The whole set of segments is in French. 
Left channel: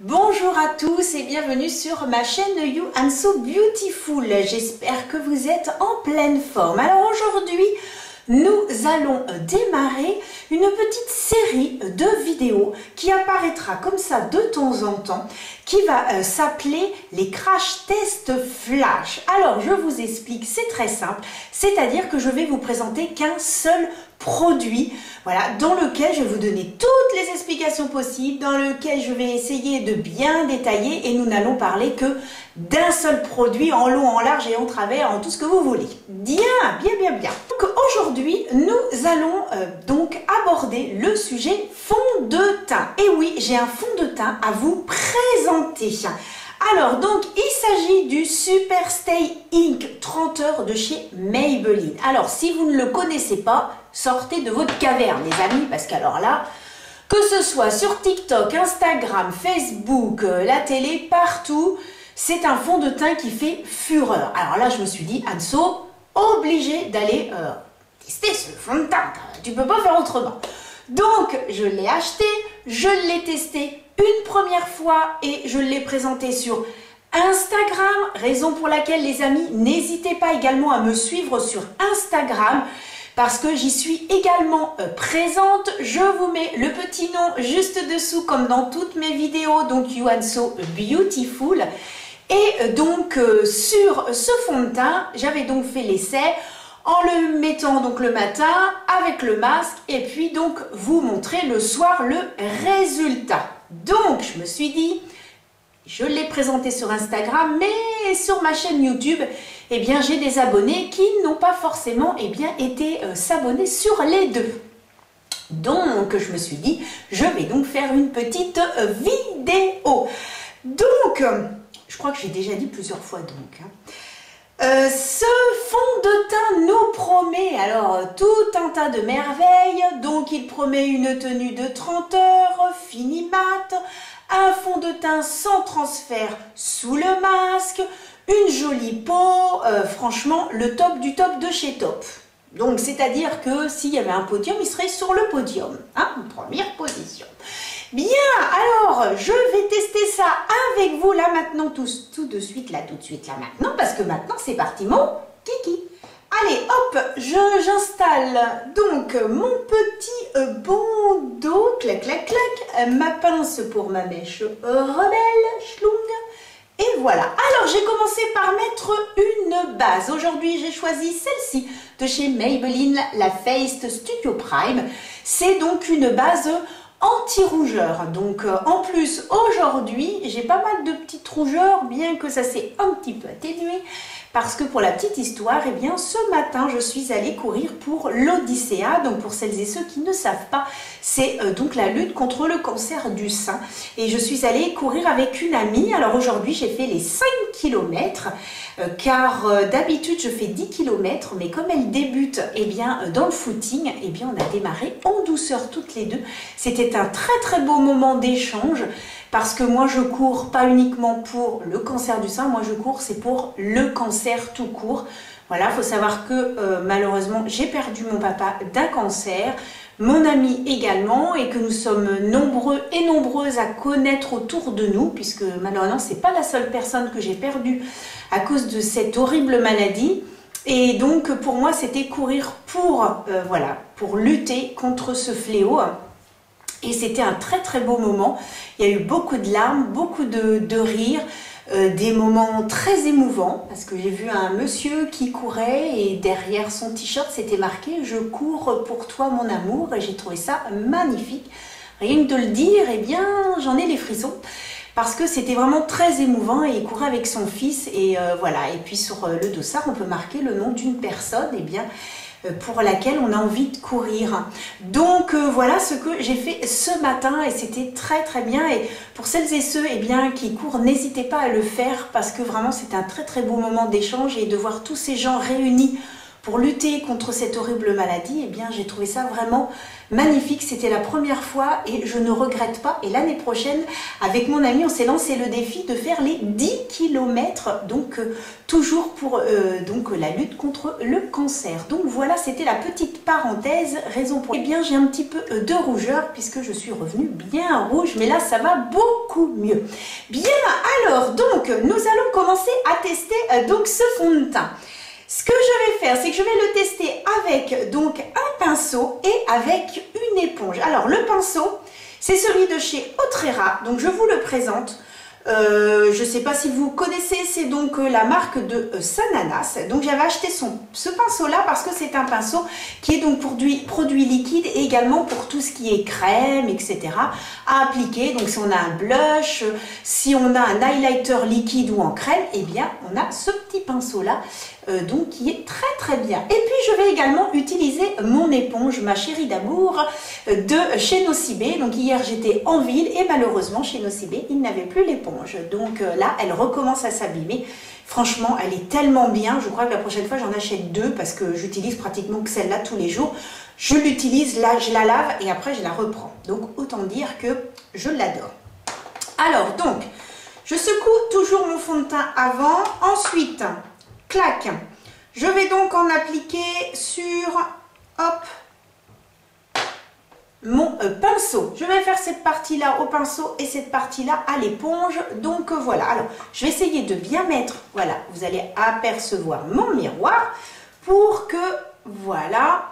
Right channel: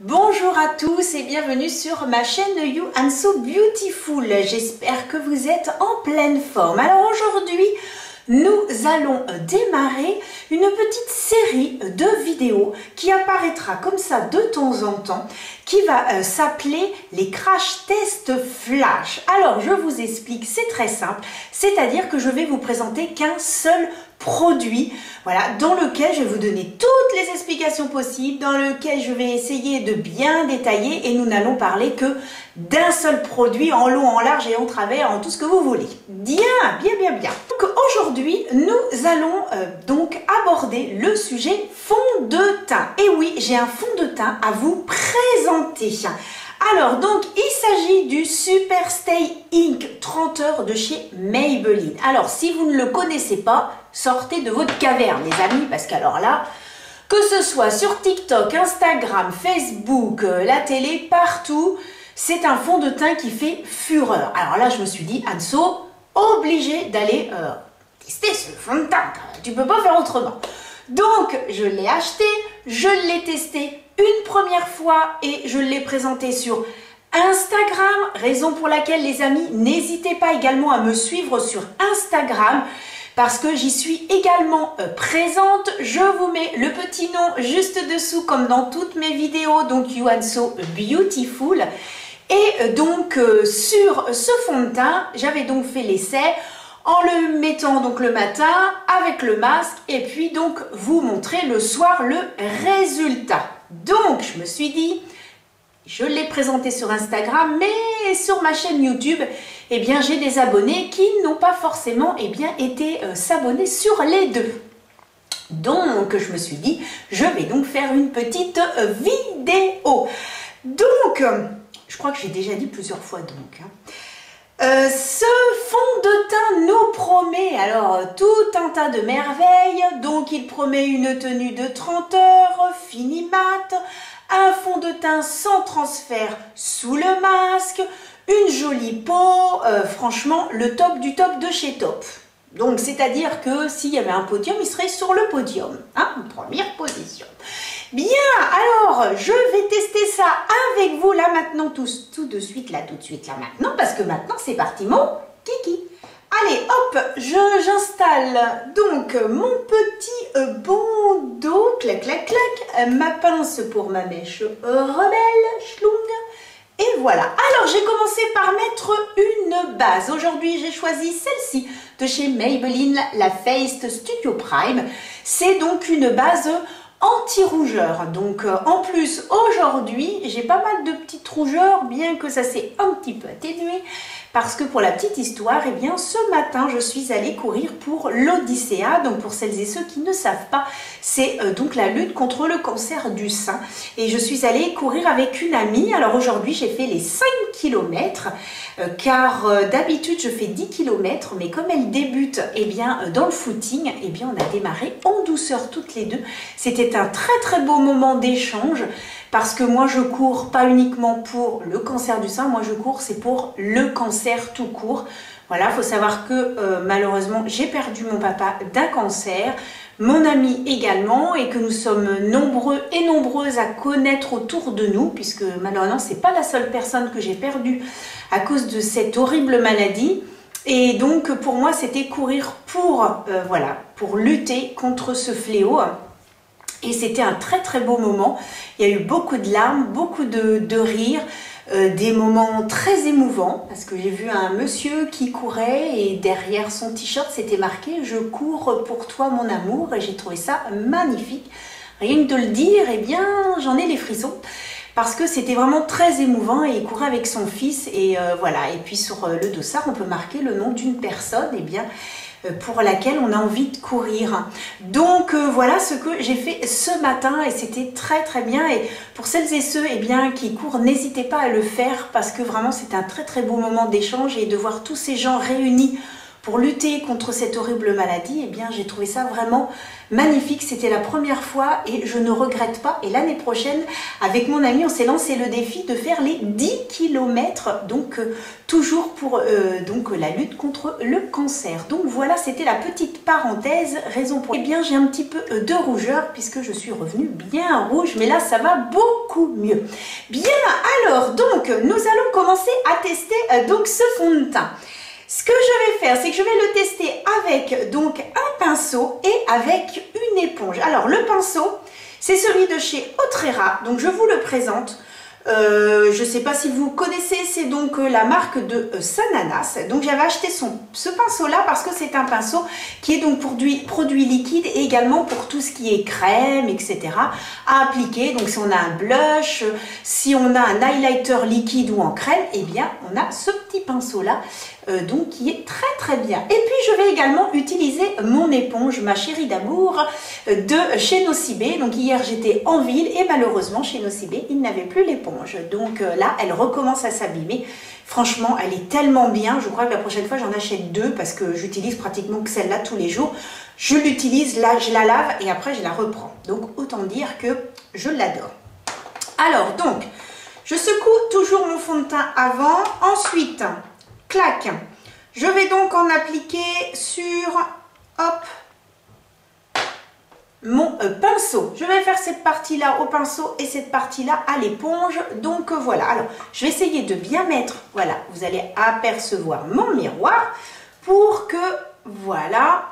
Bonjour à tous et bienvenue sur ma chaîne You and So Beautiful. J'espère que vous êtes en pleine forme. Alors aujourd'hui, nous allons démarrer une petite série de vidéos qui apparaîtra comme ça de temps en temps, qui va s'appeler les crash tests flash. Alors je vous explique, c'est très simple, c'est-à-dire que je vais vous présenter qu'un seul produit, voilà, dans lequel je vais vous donner toutes les explications possibles, dans lequel je vais essayer de bien détailler et nous n'allons parler que d'un seul produit en long, en large et en travers, en tout ce que vous voulez. Bien. Donc aujourd'hui, nous allons donc aborder le sujet fond de teint. Et oui, j'ai un fond de teint à vous présenter. Alors donc il s'agit du Super Stay Ink 30 heures de chez Maybelline. Alors si vous ne le connaissez pas, sortez de votre caverne les amis, parce qu'alors là, que ce soit sur TikTok, Instagram, Facebook, la télé, partout, c'est un fond de teint qui fait fureur. Alors là je me suis dit, Anso, obligé d'aller tester ce fond de teint, tu peux pas faire autrement. Donc je l'ai acheté, je l'ai testé une première fois et je l'ai présenté sur Instagram, raison pour laquelle les amis, n'hésitez pas également à me suivre sur Instagram parce que j'y suis également présente. Je vous mets le petit nom juste dessous comme dans toutes mes vidéos, donc You and So Beautiful. Et donc sur ce fond de teint, j'avais donc fait l'essai en le mettant donc le matin avec le masque et puis donc vous montrer le soir le résultat. Donc je me suis dit, je l'ai présenté sur Instagram, mais sur ma chaîne YouTube, eh bien j'ai des abonnés qui n'ont pas forcément été s'abonner sur les deux. Donc je me suis dit, je vais donc faire une petite vidéo. Donc, je crois que j'ai déjà dit plusieurs fois donc. Ce fond de teint nous promet alors tout un tas de merveilles. Donc il promet une tenue de 30 heures, fini mat, un fond de teint sans transfert sous le masque, une jolie peau, franchement le top du top de chez Top. Donc c'est-à-dire que s'il y avait un podium, il serait sur le podium, hein, première position. Bien, alors je vais tester ça avec vous là maintenant, tout de suite là maintenant, parce que maintenant c'est parti mon kiki. Allez hop, j'installe donc mon petit bandeau, clac clac clac, ma pince pour ma mèche rebelle, schlung. Et voilà, alors j'ai commencé par mettre une base. Aujourd'hui j'ai choisi celle-ci de chez Maybelline, la Faced Studio Prime. C'est donc une base anti-rougeur. Donc en plus aujourd'hui j'ai pas mal de petites rougeurs, bien que ça s'est un petit peu atténué, parce que pour la petite histoire, eh bien ce matin je suis allée courir pour l'Odyssea. Donc pour celles et ceux qui ne savent pas, c'est donc la lutte contre le cancer du sein, et je suis allée courir avec une amie. Alors aujourd'hui j'ai fait les 5 km car d'habitude je fais 10 km, mais comme elle débute dans le footing, on a démarré en douceur toutes les deux. C'était un très beau moment d'échange, parce que moi je cours pas uniquement pour le cancer du sein, moi je cours c'est pour le cancer tout court. Voilà, faut savoir que malheureusement j'ai perdu mon papa d'un cancer, mon ami également, et que nous sommes nombreux et nombreuses à connaître autour de nous, puisque malheureusement c'est pas la seule personne que j'ai perdue à cause de cette horrible maladie. Et donc pour moi c'était courir pour pour lutter contre ce fléau. Et c'était un très beau moment. Il y a eu beaucoup de larmes, beaucoup de rires, des moments très émouvants, parce que j'ai vu un monsieur qui courait et derrière son t-shirt c'était marqué « Je cours pour toi mon amour » et j'ai trouvé ça magnifique. Rien que de le dire, j'en ai les frissons, parce que c'était vraiment très émouvant, et il courait avec son fils et voilà. Et puis sur le dossard on peut marquer le nom d'une personne pour laquelle on a envie de courir. Donc voilà ce que j'ai fait ce matin, et c'était très bien. Et pour celles et ceux qui courent, n'hésitez pas à le faire, parce que vraiment c'est un très beau moment d'échange, et de voir tous ces gens réunis pour lutter contre cette horrible maladie, eh bien j'ai trouvé ça vraiment magnifique. C'était la première fois et je ne regrette pas. Et l'année prochaine, avec mon ami, on s'est lancé le défi de faire les 10 km, donc toujours pour donc la lutte contre le cancer. Donc voilà, c'était la petite parenthèse, raison pour laquelle j'ai un petit peu de rougeur puisque je suis revenue bien rouge, mais là ça va beaucoup mieux. Bien, alors donc nous allons commencer à tester donc ce fond de teint. Ce que je vais faire, c'est que je vais le tester avec donc un pinceau et avec une éponge. Alors le pinceau, c'est celui de chez Otrera, donc je vous le présente. Je ne sais pas si vous connaissez, c'est donc la marque de Sananas. Donc j'avais acheté ce pinceau là parce que c'est un pinceau qui est donc produit liquide et également pour tout ce qui est crème, etc. à appliquer. Donc si on a un blush, si on a un highlighter liquide ou en crème, eh bien on a ce petit pinceau là donc qui est très très bien. Et puis je vais également utiliser mon éponge, ma chérie d'amour de chez Nocibé. Donc hier j'étais en ville et malheureusement chez Nocibé il n'avait plus l'éponge. Donc là elle recommence à s'abîmer. Franchement elle est tellement bien, je crois que la prochaine fois j'en achète deux parce que j'utilise pratiquement que celle-là tous les jours. Je l'utilise, là je la lave et après je la reprends. Donc autant dire que je l'adore. Alors donc je secoue toujours mon fond de teint avant, ensuite clac, je vais donc en appliquer sur, hop, mon pinceau. Je vais faire cette partie-là au pinceau et cette partie-là à l'éponge. Donc voilà, alors je vais essayer de bien mettre, voilà, vous allez apercevoir mon miroir pour que, voilà,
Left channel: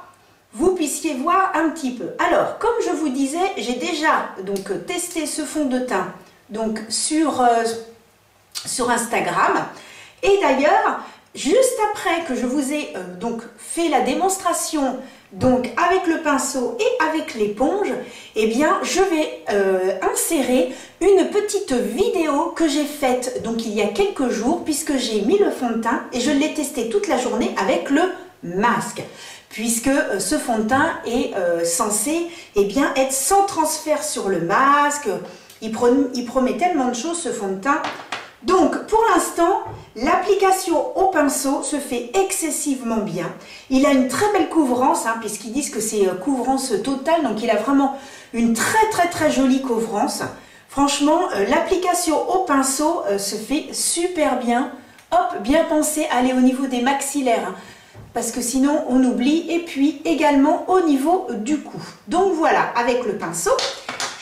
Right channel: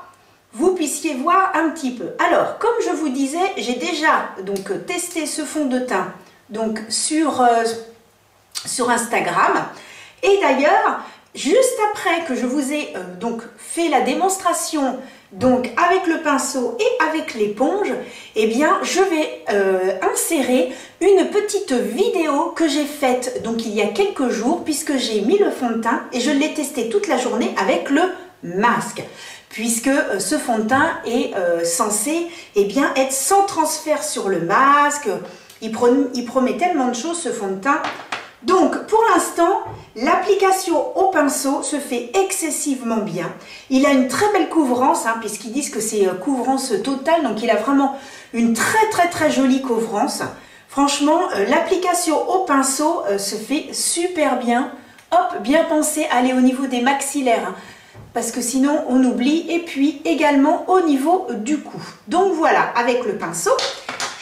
vous puissiez voir un petit peu. Alors, comme je vous disais, j'ai déjà donc testé ce fond de teint donc sur Instagram. Et d'ailleurs, juste après que je vous ai donc fait la démonstration donc avec le pinceau et avec l'éponge, eh bien je vais insérer une petite vidéo que j'ai faite donc il y a quelques jours puisque j'ai mis le fond de teint et je l'ai testé toute la journée avec le masque. Puisque ce fond de teint est censé eh bien, être sans transfert sur le masque. Il promet tellement de choses ce fond de teint. Donc, pour l'instant, l'application au pinceau se fait excessivement bien. Il a une très belle couvrance, hein, puisqu'ils disent que c'est couvrance totale. Donc, il a vraiment une très, très, très jolie couvrance. Franchement, l'application au pinceau se fait super bien. Hop, bien pensé à aller au niveau des maxillaires, hein, parce que sinon, on oublie. Et puis, également au niveau du cou. Donc, voilà, avec le pinceau.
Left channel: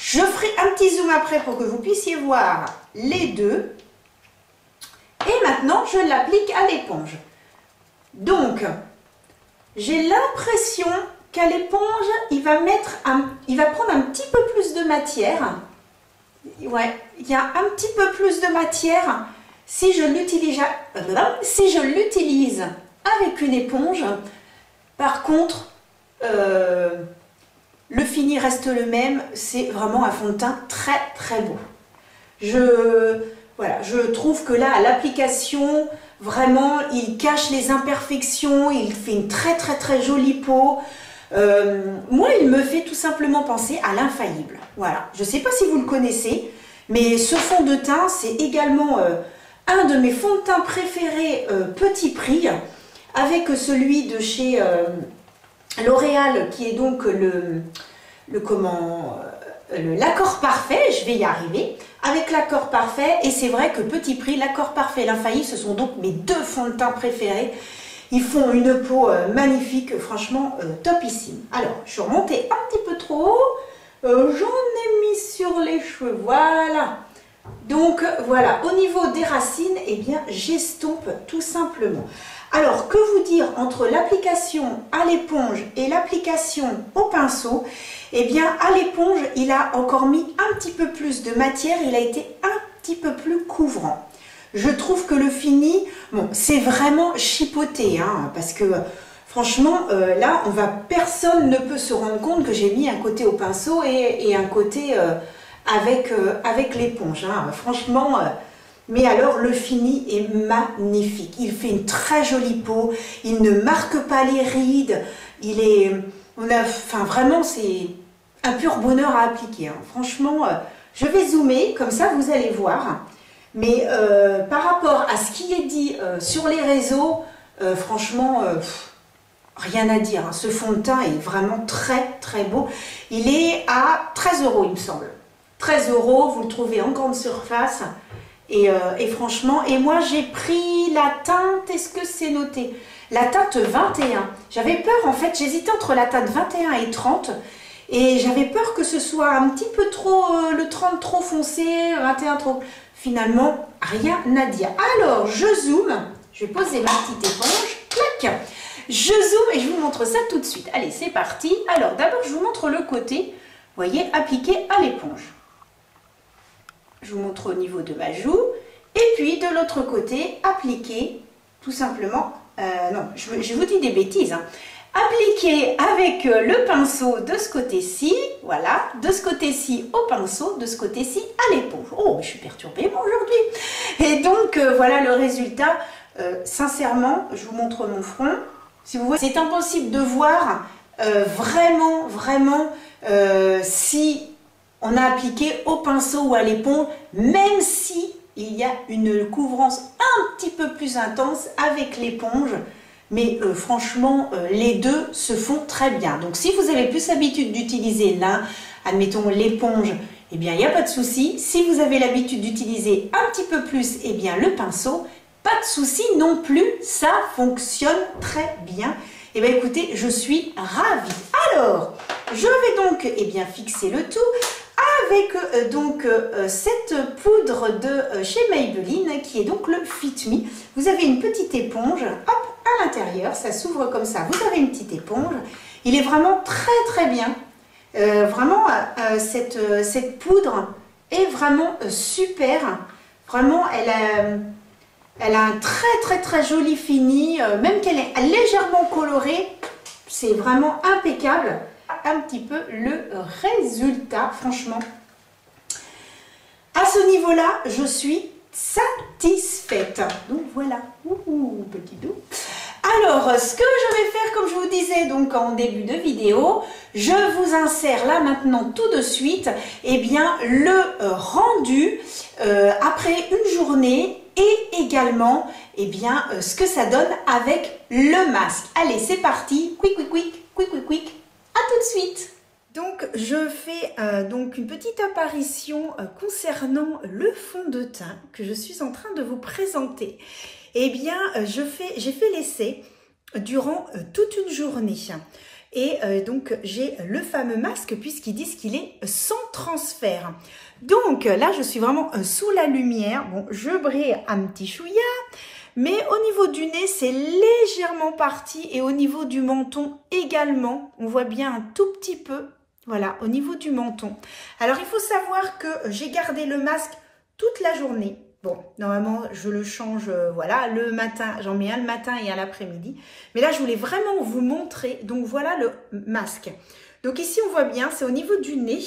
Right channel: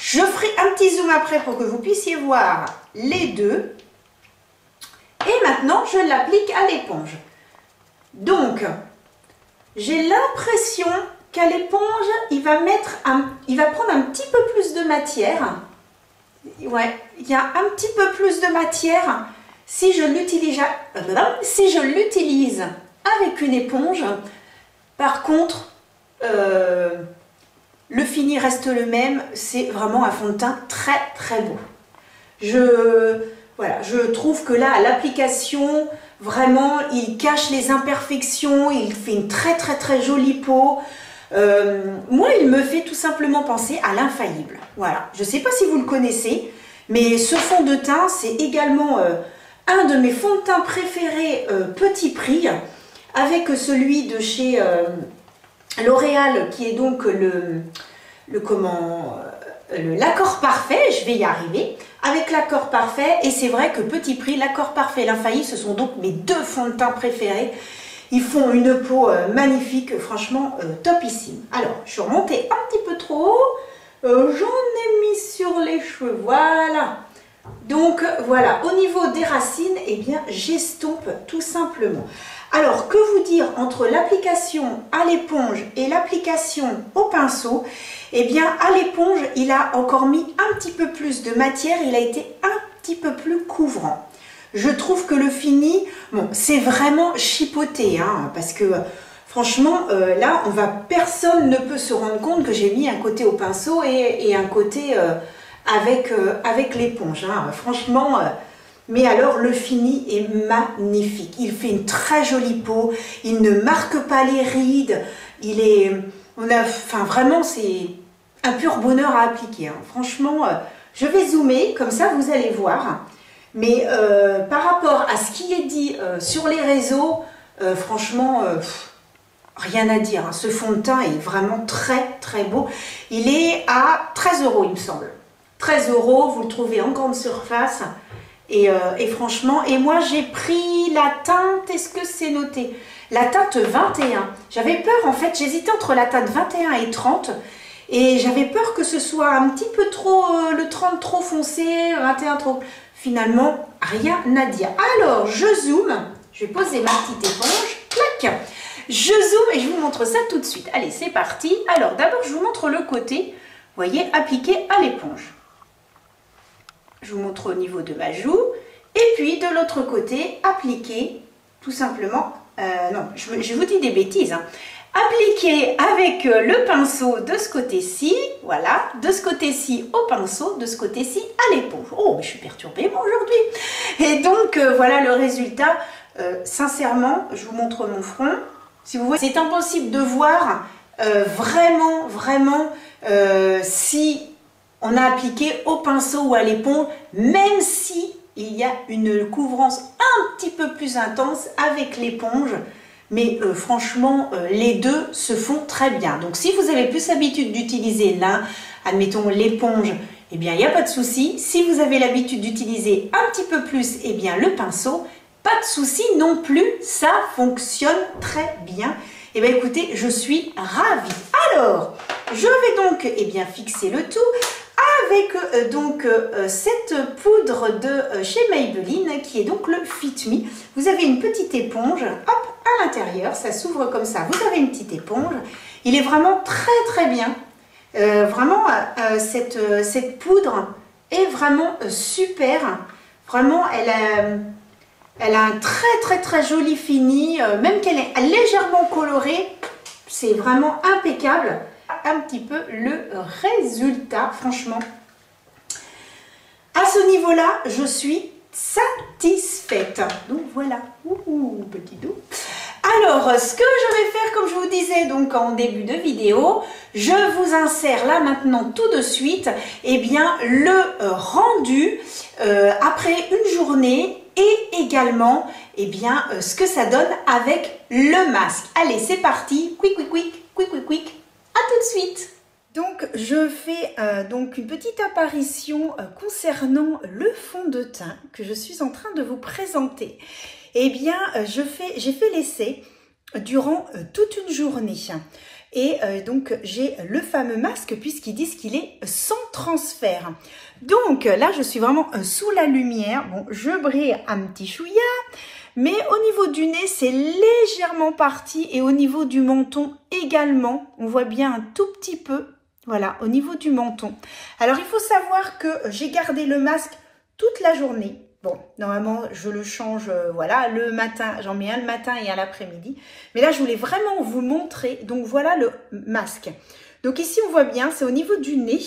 Je ferai un petit zoom après pour que vous puissiez voir les deux. Et maintenant, je l'applique à l'éponge. Donc, j'ai l'impression qu'à l'éponge, il va prendre un petit peu plus de matière. Ouais, il y a un petit peu plus de matière si je l'utilise avec une éponge. Par contre, le fini reste le même. C'est vraiment un fond de teint très très beau. Voilà, je trouve que là, à l'application, vraiment, il cache les imperfections, il fait une très très très jolie peau. Moi, il me fait tout simplement penser à l'infaillible. Voilà, je ne sais pas si vous le connaissez, mais ce fond de teint, c'est également un de mes fonds de teint préférés petit prix, avec celui de chez L'Oréal, qui est donc l'accord parfait, je vais y arriver, avec l'accord parfait, et c'est vrai que petit prix, l'accord parfait et l'infaillible, ce sont donc mes deux fonds de teint préférés. Ils font une peau magnifique, franchement topissime. Alors, je suis remontée un petit peu trop haut, j'en ai mis sur les cheveux, voilà. Donc voilà, au niveau des racines, eh bien j'estompe tout simplement. Alors que vous dire entre l'application à l'éponge et l'application au pinceau? Eh bien à l'éponge, il a encore mis un petit peu plus de matière, il a été un petit peu plus couvrant. Je trouve que le fini, bon, c'est vraiment chipoté, hein, parce que franchement, là, personne ne peut se rendre compte que j'ai mis un côté au pinceau et un côté avec l'éponge. Hein. Franchement, mais alors le fini est magnifique. Il fait une très jolie peau, il ne marque pas les rides, vraiment, c'est un pur bonheur à appliquer. Hein. Franchement, je vais zoomer, comme ça vous allez voir. Mais par rapport à ce qui est dit sur les réseaux, franchement, rien à dire, hein. Ce fond de teint est vraiment très très beau. Il est à 13 €, il me semble. 13 €, vous le trouvez en grande surface. Et franchement, et moi j'ai pris la teinte, est-ce que c'est noté? La teinte 21. J'avais peur en fait, j'hésitais entre la teinte 21 et 30. Et j'avais peur que ce soit un petit peu trop, le 30 trop foncé, 21 trop... Finalement, rien à dire. Alors, je zoome. Je vais poser ma petite éponge. Clac. Je zoome et je vous montre ça tout de suite. Allez, c'est parti. Alors, d'abord, je vous montre le côté, vous voyez, appliqué à l'éponge. Je vous montre au niveau de ma joue. Et puis, de l'autre côté, appliqué, tout simplement... non, je vous dis des bêtises, hein. Appliqué avec le pinceau de ce côté-ci, voilà, de ce côté-ci au pinceau, de ce côté-ci à l'éponge. Oh, mais je suis perturbée moi aujourd'hui. Et donc, voilà le résultat. Sincèrement, je vous montre mon front. Si vous voyez, c'est impossible de voir vraiment si on a appliqué au pinceau ou à l'éponge, même si il y a une couvrance un petit peu plus intense avec l'éponge. Mais franchement, les deux se font très bien. Donc, si vous avez plus l'habitude d'utiliser l'un, admettons l'éponge, eh bien, il n'y a pas de souci. Si vous avez l'habitude d'utiliser un petit peu plus, eh bien, le pinceau, pas de souci non plus. Ça fonctionne très bien. Eh bien, écoutez, je suis ravie. Alors, je vais donc, eh bien, fixer le tout avec cette poudre de chez Maybelline qui est donc le Fit Me. Vous avez une petite éponge, hop, à l'intérieur, ça s'ouvre comme ça. Vous avez une petite éponge. Il est vraiment très bien. Vraiment, cette poudre est vraiment super. Vraiment, elle a un très joli fini. Même qu'elle est légèrement colorée, c'est vraiment impeccable. Un petit peu le résultat, franchement. À ce niveau-là, je suis satisfaite. Donc voilà, petit dos. Alors, ce que je vais faire, comme je vous disais donc en début de vidéo, je vous insère là maintenant tout de suite, eh bien le rendu après une journée et également eh bien ce que ça donne avec le masque. Allez, c'est parti, quick, à tout de suite. Donc, je fais donc une petite apparition concernant le fond de teint que je suis en train de vous présenter. Eh bien, j'ai fait l'essai durant toute une journée. Et donc, j'ai le fameux masque puisqu'ils disent qu'il est sans transfert. Donc, là, je suis vraiment sous la lumière. Bon, je brille un petit chouïa. Mais au niveau du nez, c'est légèrement parti. Et au niveau du menton également, on voit bien un tout petit peu. Voilà, au niveau du menton. Alors, il faut savoir que j'ai gardé le masque toute la journée. Bon, normalement, je le change, voilà, le matin. J'en mets un le matin et un l'après-midi. Mais là, je voulais vraiment vous montrer. Donc, voilà le masque. Donc, ici, on voit bien, c'est au niveau du nez,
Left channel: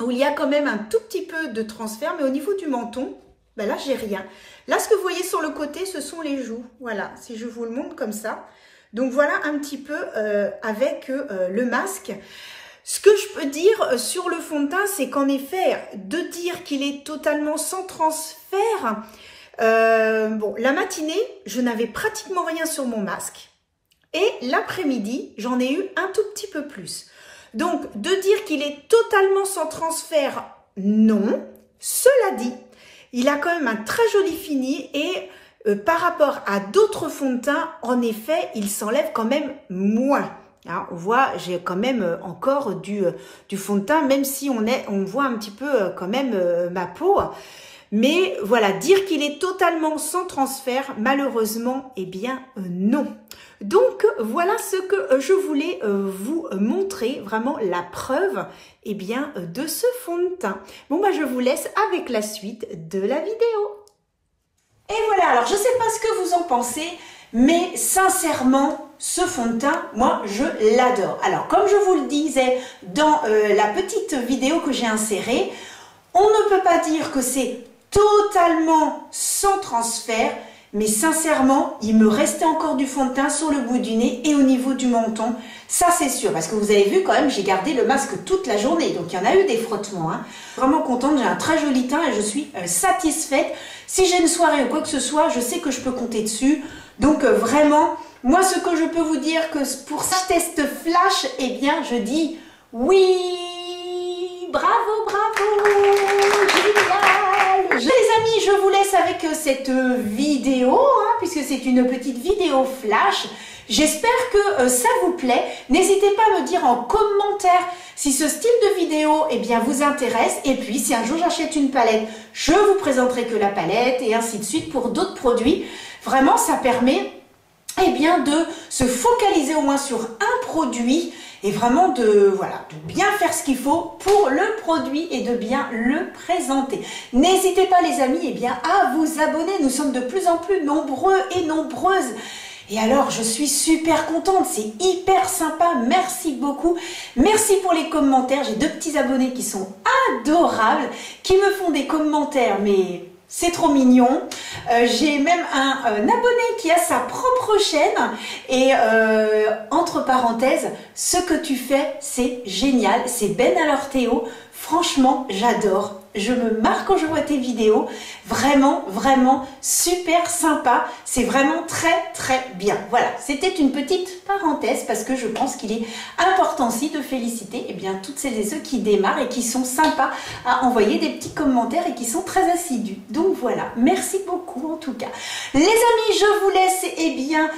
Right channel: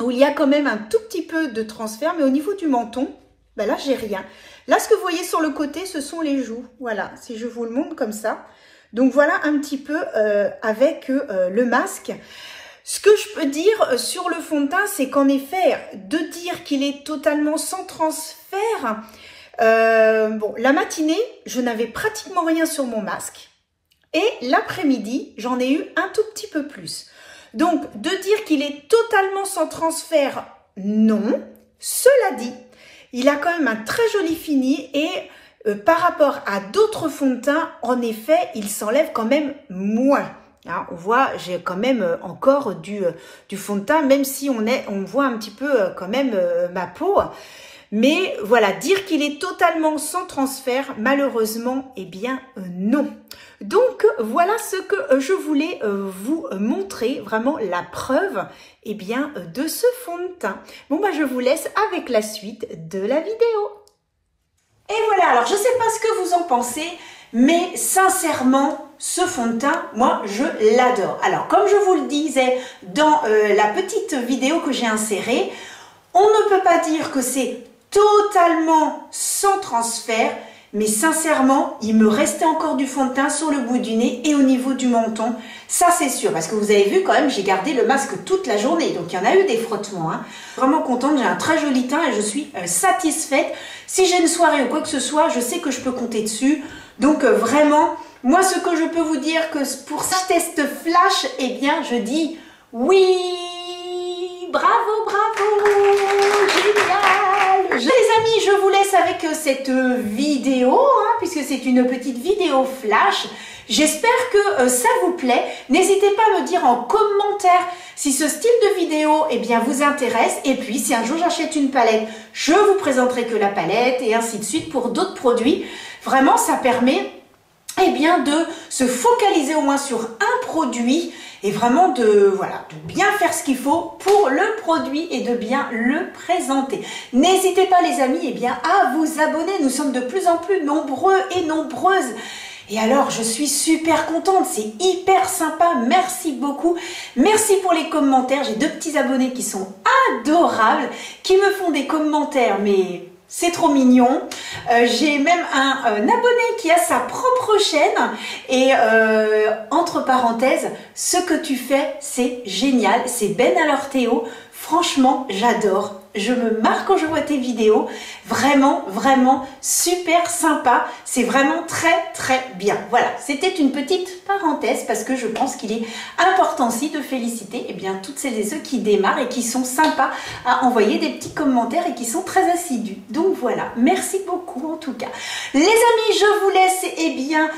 où il y a quand même un tout petit peu de transfert. Mais au niveau du menton, ben là, j'ai rien. Là, ce que vous voyez sur le côté, ce sont les joues. Voilà, si je vous le montre comme ça. Donc, voilà un petit peu avec le masque. Ce que je peux dire sur le fond de teint, c'est qu'en effet, de dire qu'il est totalement sans transfert, bon, la matinée, je n'avais pratiquement rien sur mon masque. Et l'après-midi, j'en ai eu un tout petit peu plus. Donc, de dire qu'il est totalement sans transfert, non. Cela dit, il a quand même un très joli fini et par rapport à d'autres fonds de teint, en effet, il s'enlève quand même moins. Alors, on voit, j'ai quand même encore du fond de teint, même si on voit un petit peu quand même ma peau. Mais voilà, dire qu'il est totalement sans transfert, malheureusement, eh bien non. Donc voilà ce que je voulais vous montrer, vraiment la preuve eh bien, de ce fond de teint. Bon, bah, je vous laisse avec la suite de la vidéo. Et voilà, alors je ne sais pas ce que vous en pensez, mais sincèrement, ce fond de teint, moi, je l'adore. Alors, comme je vous le disais dans la petite vidéo que j'ai insérée, on ne peut pas dire que c'est totalement sans transfert, mais sincèrement, il me restait encore du fond de teint sur le bout du nez et au niveau du menton. Ça, c'est sûr, parce que vous avez vu quand même, j'ai gardé le masque toute la journée, donc il y en a eu des frottements. Hein. Vraiment contente, j'ai un très joli teint et je suis satisfaite. Si j'ai une soirée ou quoi que ce soit, je sais que je peux compter dessus. Donc vraiment, Moi, ce que je peux vous dire que pour ce test flash, eh bien, je dis oui. Bravo, bravo, génial. Les amis, je vous laisse avec cette vidéo, puisque c'est une petite vidéo flash. J'espère que ça vous plaît. N'hésitez pas à me dire en commentaire si ce style de vidéo eh bien, vous intéresse. Et puis, si un jour j'achète une palette, je vous présenterai que la palette et ainsi de suite pour d'autres produits. Vraiment, ça permet eh bien, de se focaliser au moins sur un produit et vraiment de bien faire ce qu'il faut pour le produit et de bien le présenter. N'hésitez pas les amis eh bien, à vous abonner. Nous sommes de plus en plus nombreux et nombreuses. Et alors, je suis super contente, c'est hyper sympa, merci beaucoup. Merci pour les commentaires, j'ai 2 petits abonnés qui sont adorables, qui me font des commentaires, mais c'est trop mignon. J'ai même un abonné qui a sa propre chaîne et entre parenthèses, ce que tu fais, c'est génial, c'est Ben alors Théo. Franchement, j'adore. Je me marre quand je vois tes vidéos. Vraiment, vraiment super sympa. C'est vraiment très, très bien. Voilà, c'était une petite parenthèse parce que je pense qu'il est important aussi de féliciter eh bien, toutes celles et ceux qui démarrent et qui sont sympas à envoyer des petits commentaires et qui sont très assidus. Donc voilà, merci beaucoup en tout cas. Les amis, je vous laisse eh bien,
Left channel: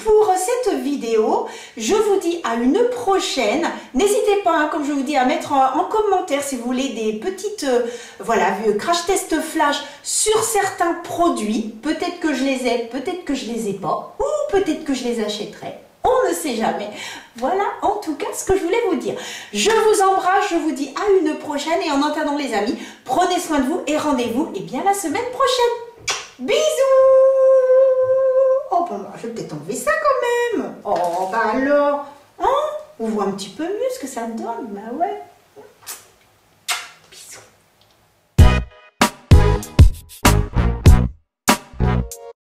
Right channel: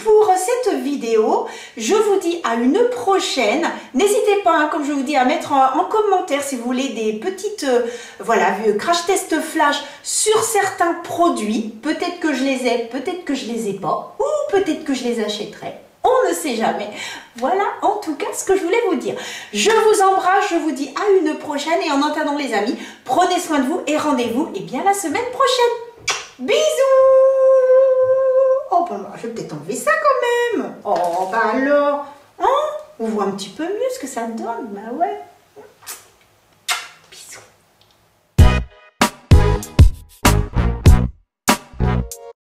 pour cette vidéo. Je vous dis à une prochaine. N'hésitez pas, comme je vous dis, à mettre en commentaire si vous voulez des petites crash test flash sur certains produits. Peut-être que je les ai, peut-être que je les ai pas, ou peut-être que je les achèterai. On ne sait jamais. Voilà en tout cas ce que je voulais vous dire. Je vous embrasse, je vous dis à une prochaine et en attendant les amis, prenez soin de vous et rendez-vous eh bien la semaine prochaine. Bisous. Oh ben je vais peut-être enlever ça quand même. Oh ben alors, on voit un petit peu mieux ce que ça donne. Bah ouais.